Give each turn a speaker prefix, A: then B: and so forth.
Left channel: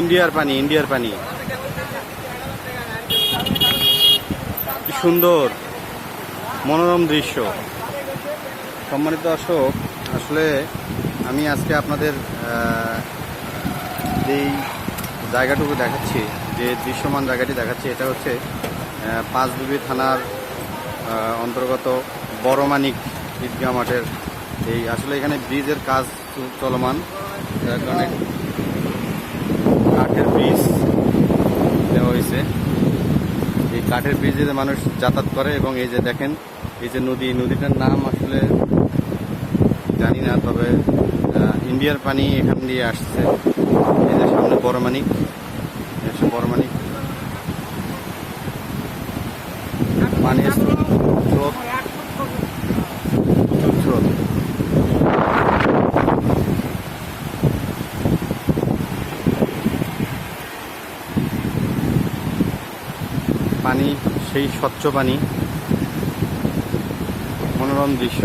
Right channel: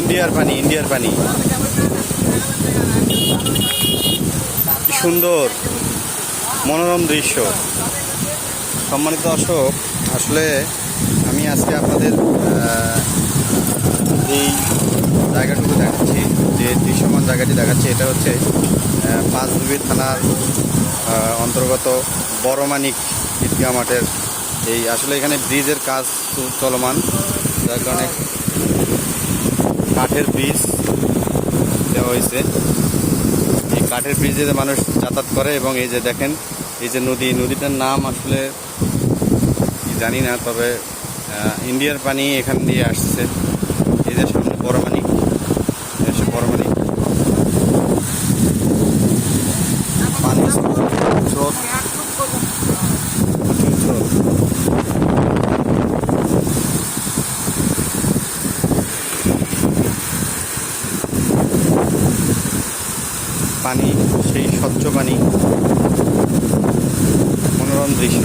A: ইন্ডিয়ার পানি ইন্ডিয়ার পানি। কি সুন্দর মনোরম দৃশ্য। সম্মানিত দর্শক আসলে আমি আজকে আপনাদের এই জায়গাটুকু দেখাচ্ছি যে দৃশ্যমান জায়গাটি দেখাচ্ছি এটা হচ্ছে আহ, পাঁচবিবি থানার অন্তর্গত বড়মানিক ঈদগাহ মাঠের এই আসলে এখানে ব্রিজের কাজ চলমান যার কারণে কাঠের ব্রিজ দেওয়া হয়েছে। এই কাঠের ব্রিজে মানুষ যাতায়াত করে এবং এই যে দেখেন, এই যে নদী, নদীটার নাম আসলে জানি না, তবে ইন্ডিয়ার পানি এখান দিয়ে আসছে। এই যে সামনে বড়মানিক এসে বড়মানিক পানির স্রোত। প্রচুর স্রোত। পানি সেই স্বচ্ছ পানি। মনোরম দৃশ্য।